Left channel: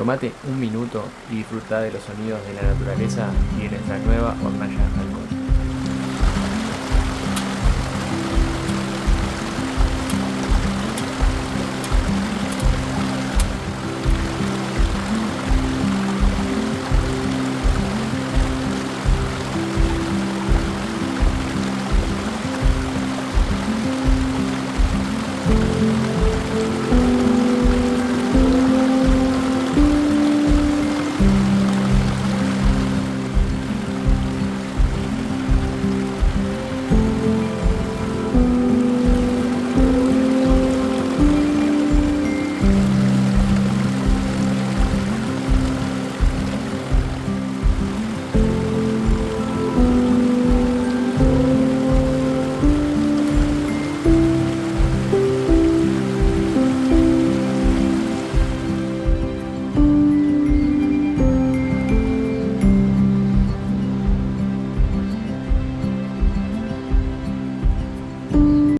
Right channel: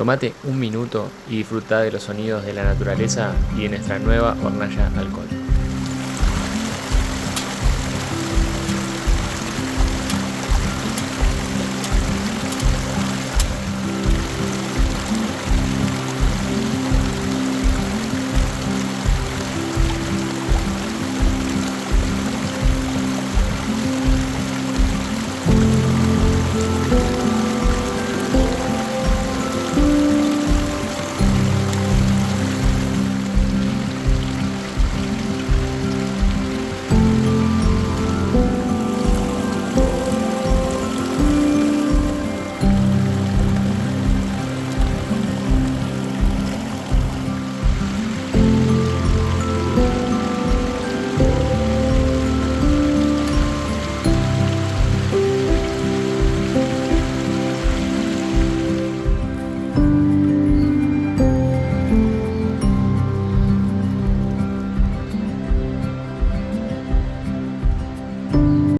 Tomate un minuto y disfruta de los sonidos de la naturaleza y de nuestra nueva hornalla alcohol.